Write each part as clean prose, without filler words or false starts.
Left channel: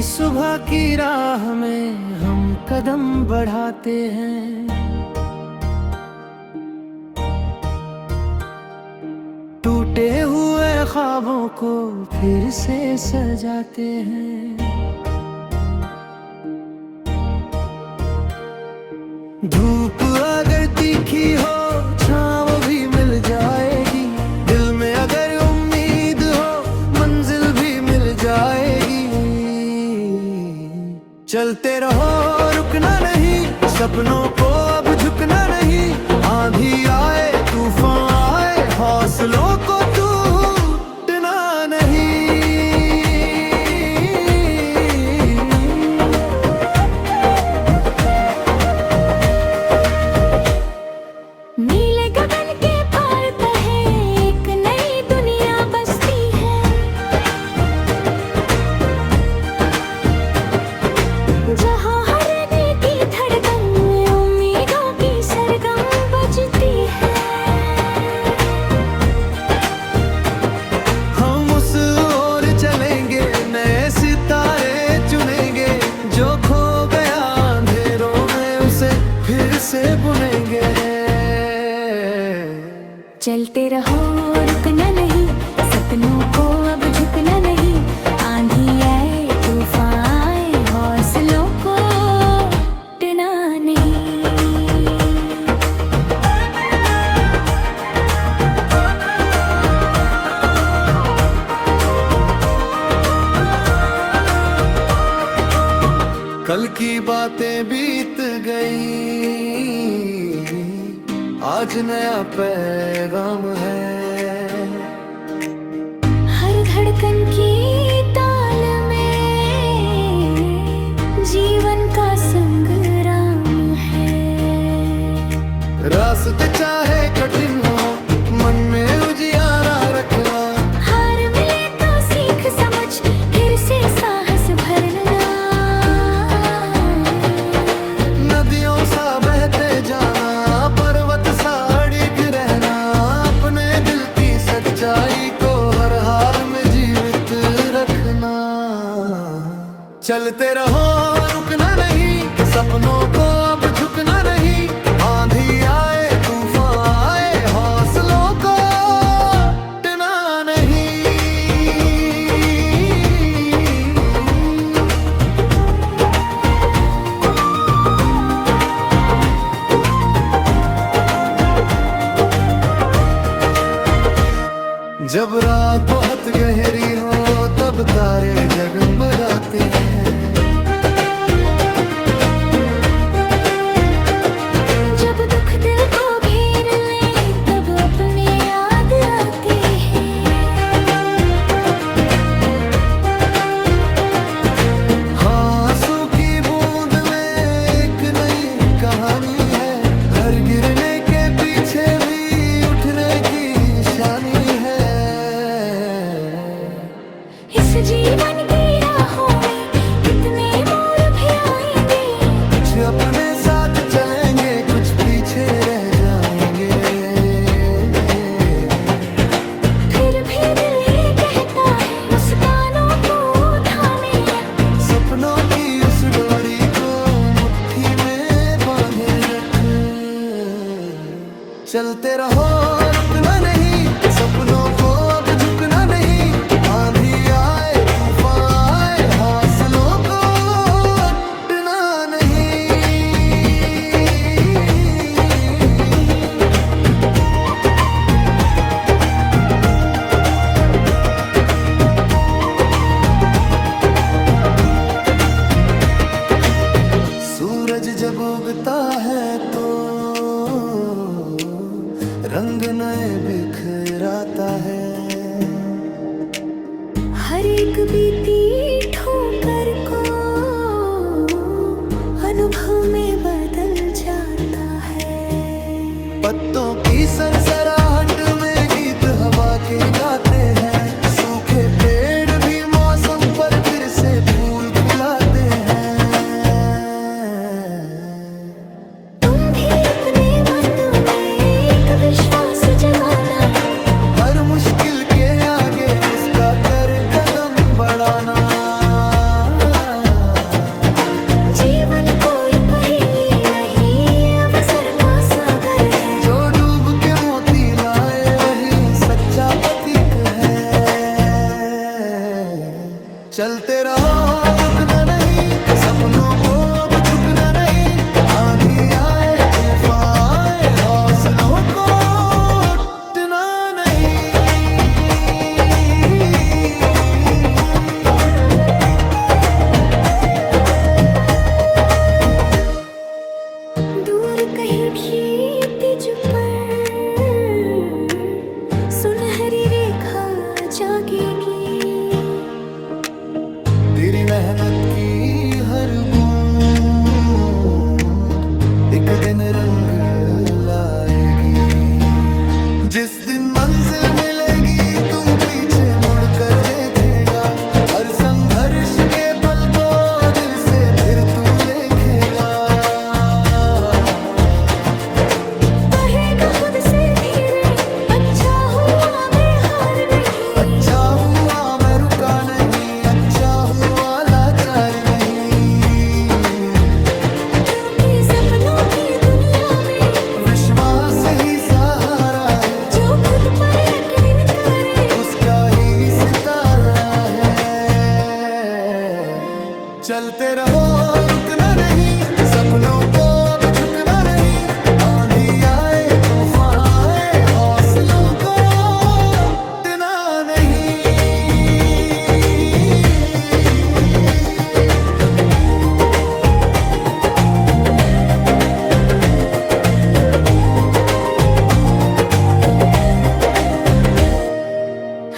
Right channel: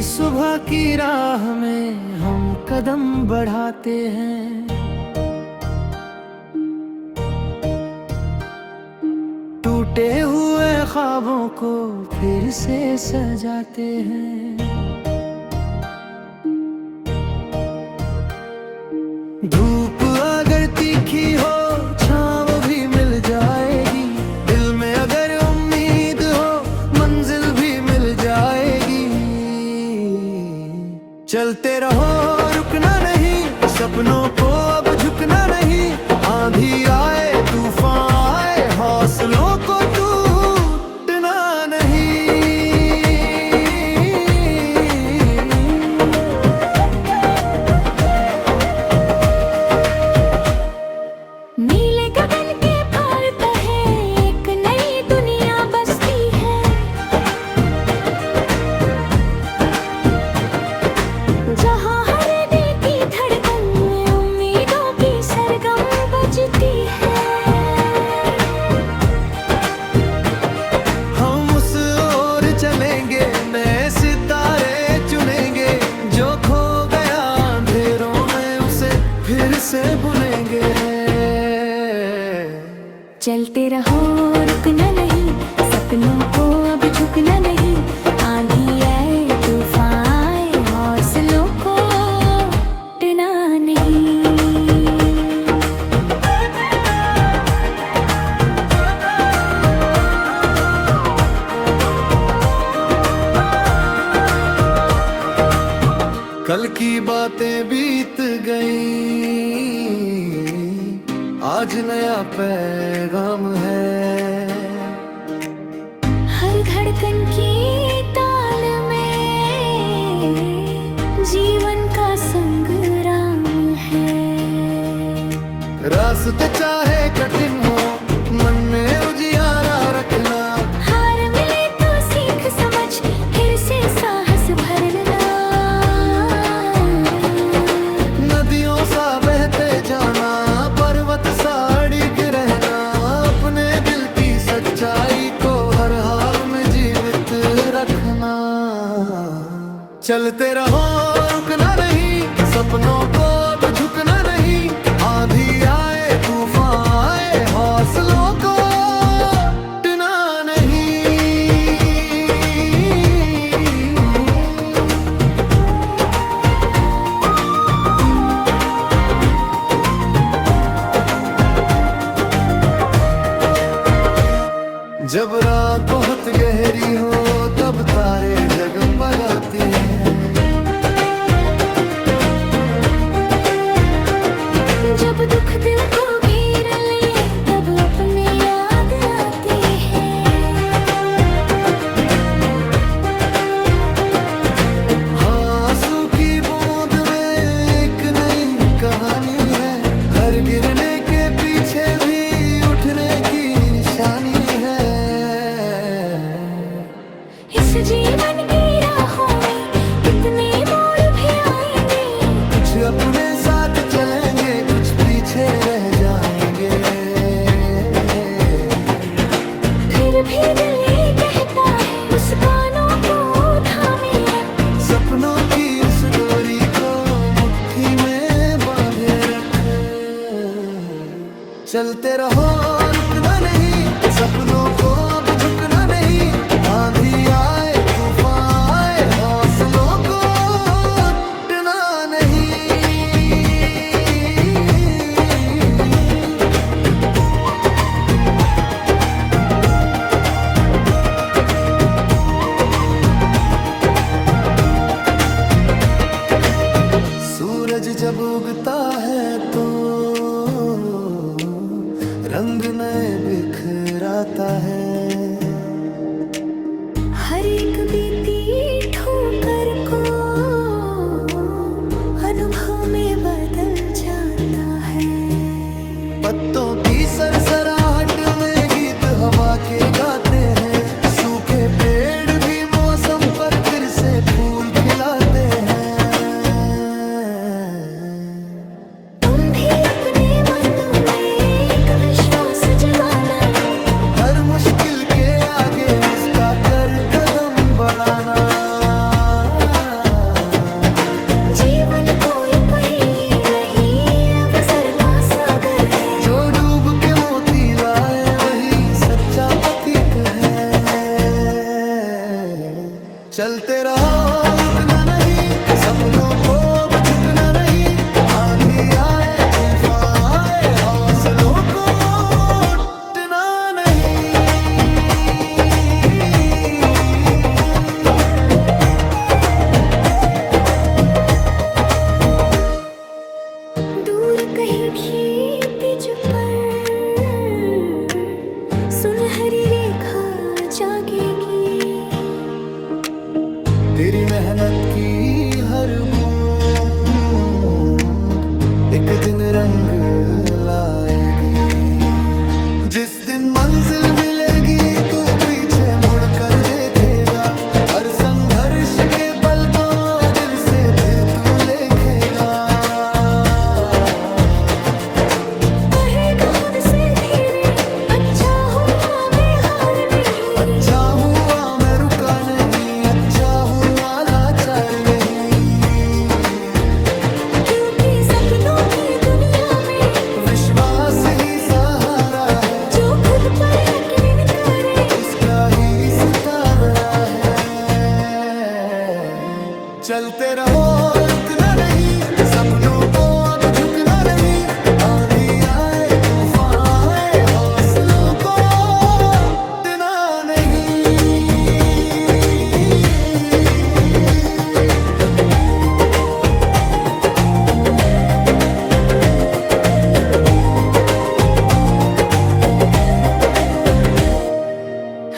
नई सुबह की राह में हम कदम बढ़ाते हैं। टूटे हुए ख्वाबों को फिर से सजाते हैं। धूप अगर तीखी हो छाँव भी मिल जाएगी। दिल में अगर उम्मीद हो मंजिल भी मिल जाएगी। चलते रहो रुकना नहीं, सपनों को अब झुकना नहीं। आंधी आए तूफान आए हौसलों को टूटना नहीं। नीले गगन के पार तहे एक नई दुनिया बसती है, जहाँ हर दिल की धड़कन में उम्मीदों की सरगम बजती है। हम उस ओर चलेंगे नए सितारे चुनेंगे। जो खो गया अंधेरों में उसे फिर से बुनेंगे। चलते रहो रुकना नहीं, सपनों को अब झुकना नहीं। आंधी आए तूफान आए हौसलों को टूटना नहीं। कल की बातें बीत गई, आज नया पैगाम है। हर धड़कन की ताल में जीवन का संग्राम है। रास्ते चाहे कठिन हो मन में उजियारा रखना। हार मिले तो सीख समझ फिर से साहस भरना। नदियों सा बहते जाना पर्वत सा अड़िग रहना। अपने दिल की सच्चाई को हर हाल में जीवित रखना। चलते रहो रुकना नहीं, सपनों को अब झुकना नहीं। आंधी आए तूफान आए हौसलों को टूटना नहीं। जब रात बहुत गहरी हो तब तारे जगमगाते हैं। जब दुख दिल को घेर ले तब अपने याद आते हैं। हाँ आंसू की बूंद में एक नई कहानी है। हर गिरने के पीछे भी उठने की निशानी है। इस जीवन की राहों में कितने मोड़ भी आएंगे। कुछ अपने साथ चलेंगे कुछ पीछे रह जाएंगे। फिर भी दिल ये कहता है मुस्कानों को थामे रख। सपनों की उस डोरी को मुट्ठी में बांधे रख। चलते रहो रुकना नहीं, सपनों को अब झुकना नहीं। आंधी आए तूफान आए हौसलों को टूटना नहीं। सूरज जब उगता है तो रंग नए बिखराता है। हर एक बीती ठोकर को अनुभव में बदल जाता है। पत्तों की सरसराहट में गीत हवा के गाते हैं। सूखे पेड़ भी मौसम पर फिर से फूल खिलाते हैं। तुम भी अपने मन में एक विश्वास जगाना। हर मुश्किल के आगे मुस्का कर कदम बढ़ाना। जीवन कोई पहेली नहीं, ये अवसर का सागर है। जो डूब के मोती लाए वही सच्चा पथिक है। चलते रहो रुकना नहीं, सपनों को अब झुकना नहीं। आंधी आए तूफान आए हौसलों को टूटना नहीं। दूर कहीं भी तिज पर सुनहरी रेखा जागेगी। तेरी मेहनत की हर बूंद एक दिन रंग लाएगी। जिस दिन मंजिल मिलेगी तू पीछे मुड़कर देखेगा। हर संघर्ष के पल को दिल से फिर तू लेखेगा। कहेगा खुद से धीरे, अच्छा हुआ मैं हार नहीं। अच्छा हुआ मैं रुका नहीं, अच्छा हुआ लाचार नहीं। क्योंकि सपनों की दुनिया में विश्वास ही सहारा है। जो खुद पर यकीन करे उसका ही सितारा है। चलते रहो रुकना नहीं, सपनों को अब झुकना नहीं। आंधी आए तूफान आए हौसलों को टूटना नहीं।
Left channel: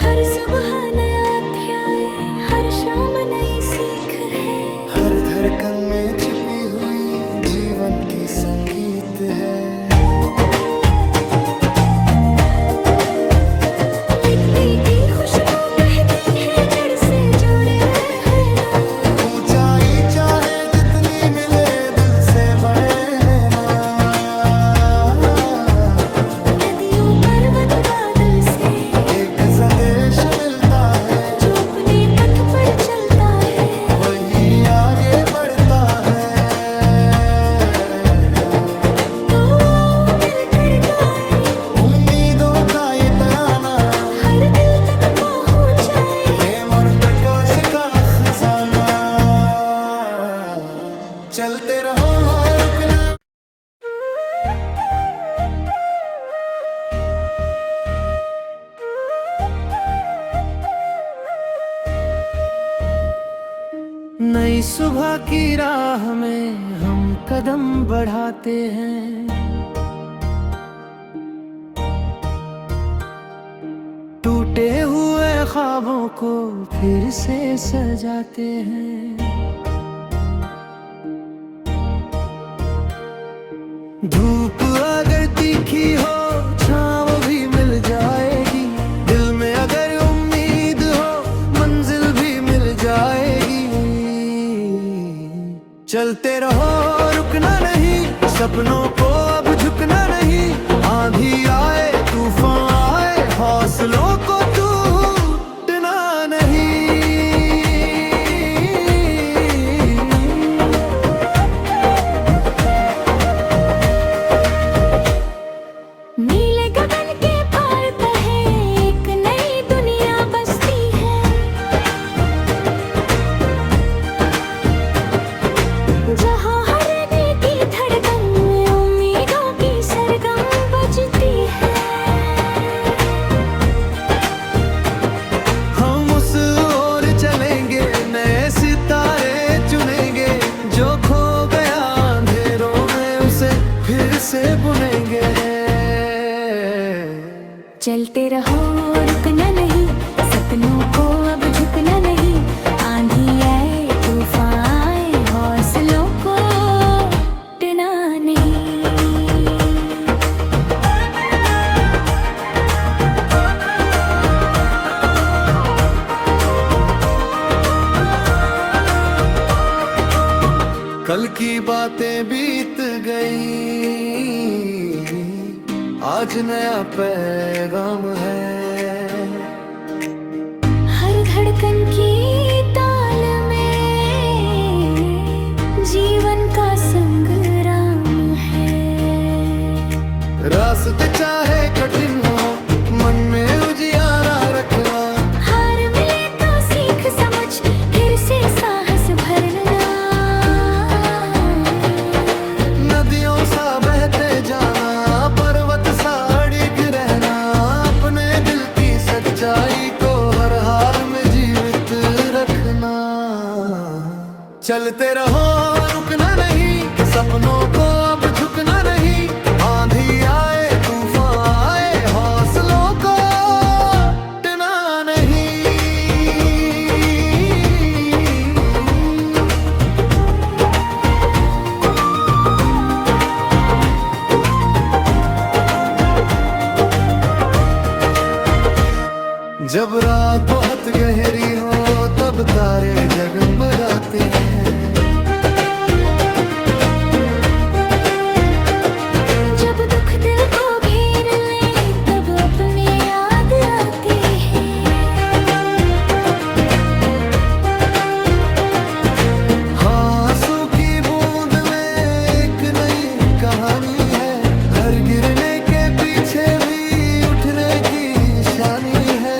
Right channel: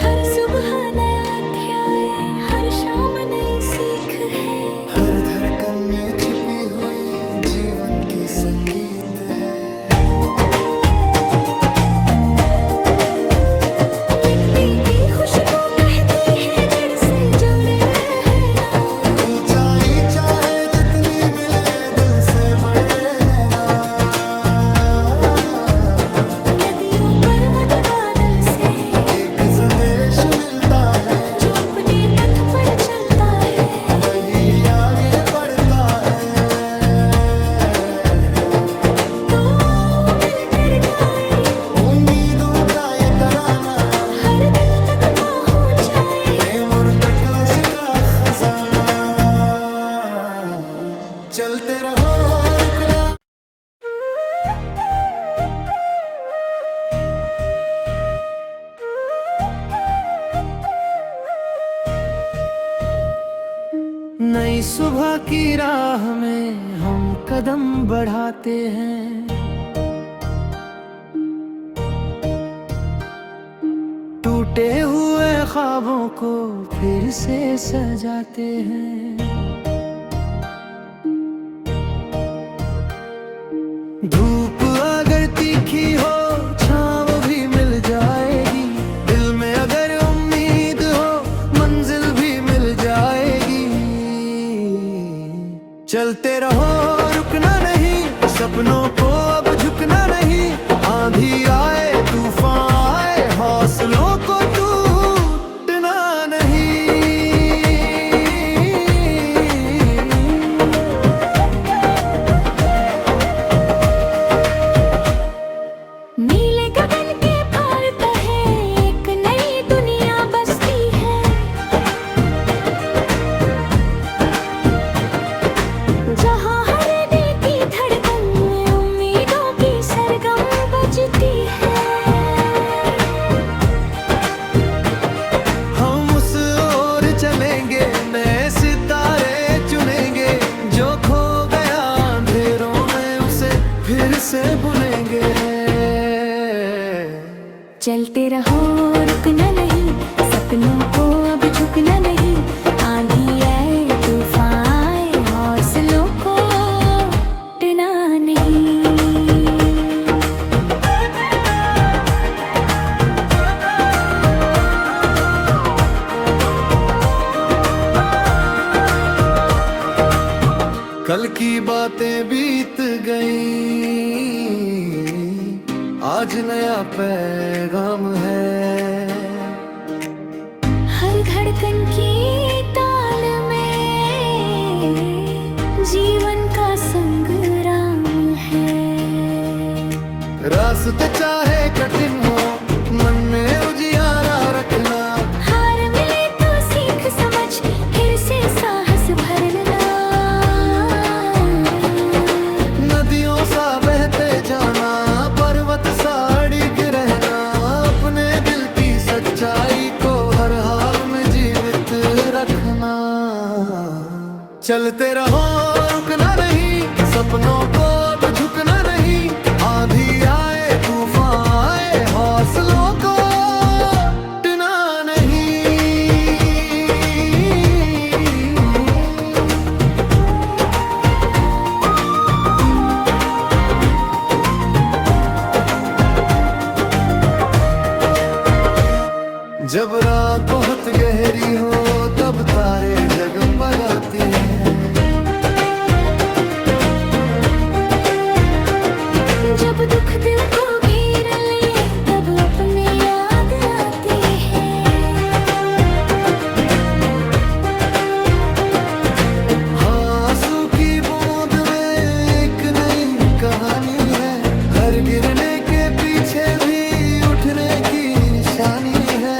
हर सुबह नया अध्याय, हर शाम नई सीख है। हर धड़कन में छिपी हुई जीवन की संगीत है। मिट्टी की खुशबू कहती है जड़ से जुड़े रहना। ऊंचाई चाहे जितनी मिले दिल से बड़े रहना। नदियों पर्वत बादल से एक संदेश मिलता है। जो अपने पथ पर चलता है वही आगे बढ़ता है। तो आओ मिलकर गाएं उम्मीदों का ये तराना, हर दिल तक पहुंचाए प्रेम और प्रकाश का खजाना। चलते रहो रुकना। नई सुबह की राह में हम कदम बढ़ाते हैं। टूटे हुए ख्वाबों को फिर से सजाते हैं। धूप अगर तीखी हो छाँव भी मिल जाएगी। दिल में अगर उम्मीद हो मंजिल भी मिल जाएगी। चलते रहो रुकना नहीं, सपनों को अब झुकना नहीं। आंधी आए तूफान आए हौसलों को टूटना नहीं। नीले गगन के पार तहे एक नई दुनिया बसती है। जहाँ हर दिल की धड़कन में उम्मीदों की सरगम बजती है। हम उस ओर चलेंगे नए सितारे चुनेंगे। जो खो गया अंधेरों में उसे फिर से बुनेंगे। चलते रहो रुकना नहीं, सपनों को अब झुकना नहीं। आंधी आए तूफान आए हौसलों को टूटना नहीं। कल की बातें बीत गई, आज नया पैगाम है। हर धड़कन की ताल में जीवन का संग्राम है। रास्ते चाहे कठिन हो, मन में उजियारा रखना। हार मिले तो सीख समझ फिर से साहस भरना। नदियों सा बहते जाना, पर्वत सा अड़िग रहना। अपने दिल की सच्चाई को हर हाल में जीवित रखना। चलते रहो, रुकना नहीं, सपनों को अब झुकना नहीं। आंधी आए तूफान आए, हौसलों को टूटना नहीं। जब रात बहुत गहरी हो तब तारे जगमगाते हैं। जब दुख दिल को घेर ले तब अपने याद आते हैं। हाँ, आंसू की बूंद में एक नई कहानी है। हर गिरने के पीछे भी उठने की निशानी है।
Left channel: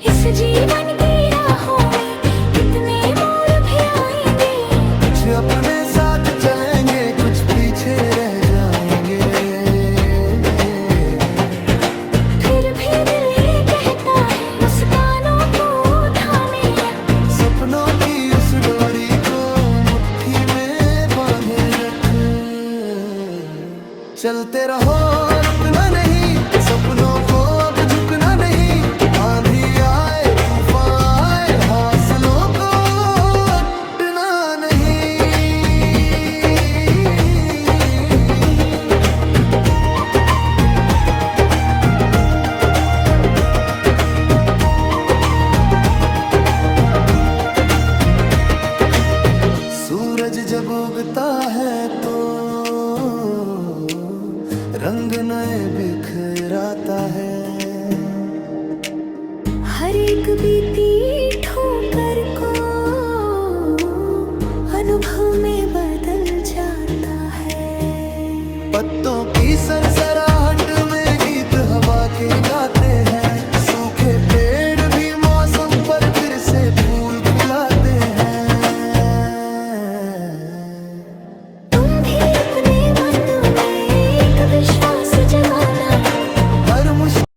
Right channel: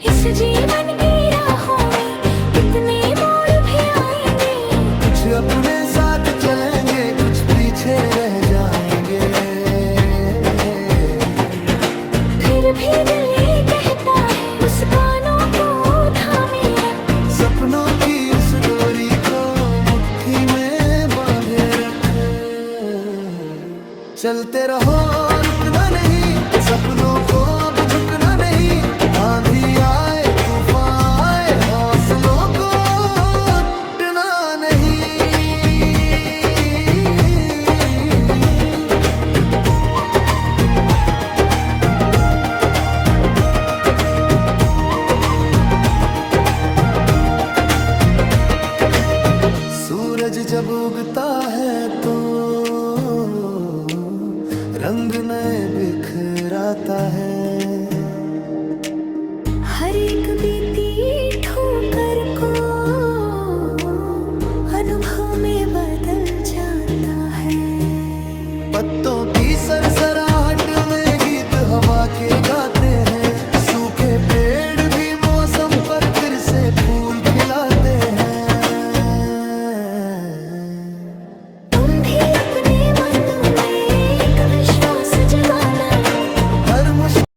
इस जीवन की राहों में कितने मोड़ भी आएंगे। कुछ अपने साथ चलेंगे, कुछ पीछे रह जाएंगे। फिर भी दिल ये कहता है, मुस्कानों को थामे रख। सपनों की उस डोरी को मुट्ठी में बांधे रख। चलते रहो, रुकना नहीं, सपनों को अब झुकना नहीं। आंधी आए तूफान आए, हौसलों को टूटना नहीं। सूरज जब उगता है तो रंग नए बिखराता है। हर एक बीती ठोकर को अनुभव में बदल जाता है। पत्तों की सरसराहट में गीत हवा के गाते हैं। सूखे पेड़ भी मौसम पर फिर से फूल खिलाते हैं। तुम भी अपने मन में एक विश्वास जगाना। हर मुश्किल